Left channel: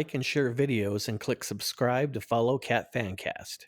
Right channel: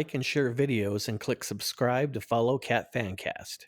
like and share videos and click subscribe to follow Cat Fancast.